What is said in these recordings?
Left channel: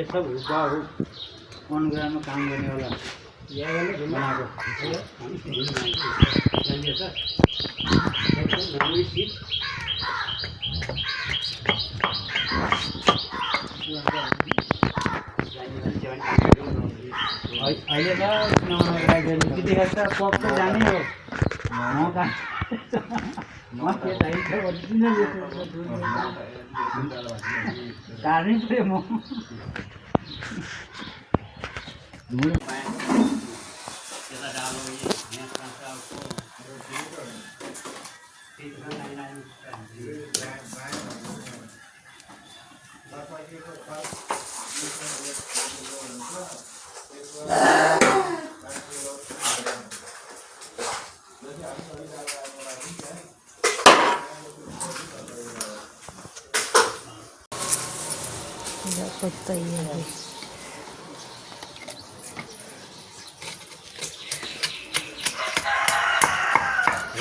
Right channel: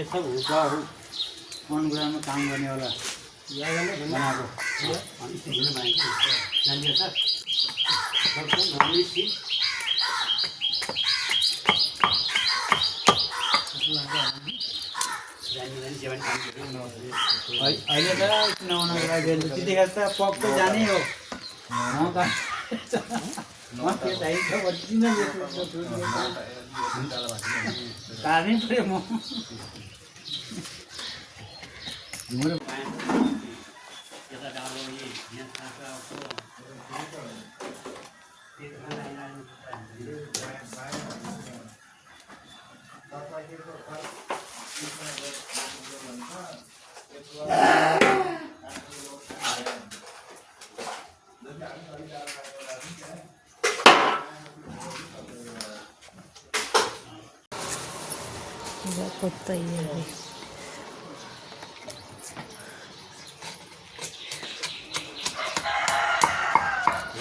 ये सब हुआ हो मन गरामा काम गर्ने होला बनाएको अहिले त त्यतिखेर त पक्क जाने हो काट्नै पऱ्यो म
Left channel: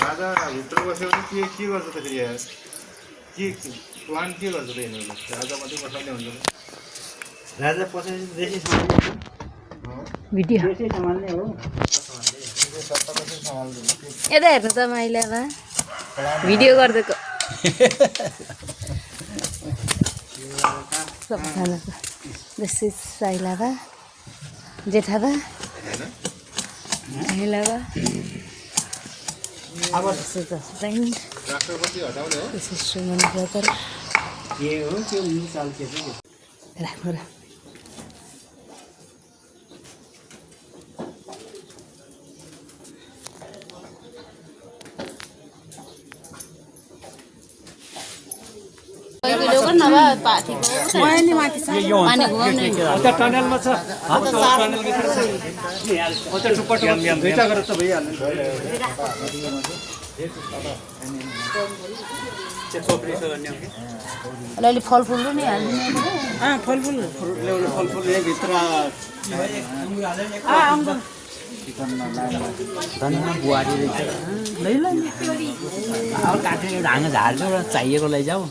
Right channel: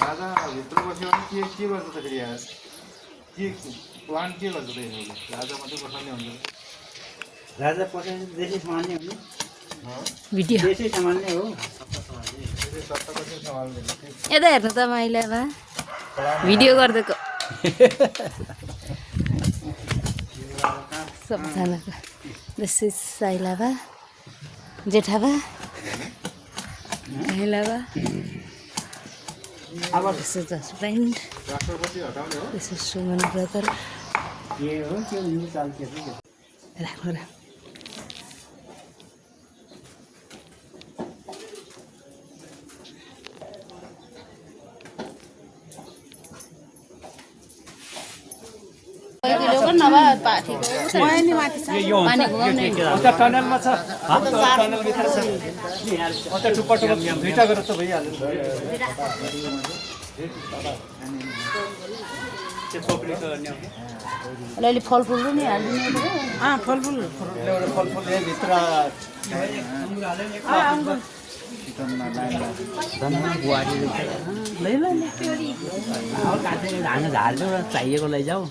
राजा भित्र बस्यो भने के गर्छ त फेरि यार के प्लान के गर्छ त यिनीहरूले राजा मात्रै बसाल्ने हुन्छ राजा पसेपछि देशै सम्हाल्ने भिडियो देशै सम्हाल्ने हो यता हेर्नु त मैले बा भिडियो गरिदिएको सबैजनाको दिस इज साइला बा जेठा बा महिला बा अब दिस इज हस्बैन्ड राष्ट्रपति हटाउने हो दिस इज सुमन ब्रदर के हो त्यो चाल के छ राख्नु र टनलमा छ टनल भित्र छ दुईटा गरेर त भइहाल्यो अलि फलफुल पनि हाल्नु फलफुल फलफुल भित्र बुहारी अब काटेर झाल्नु चाहिएको लैजाऊ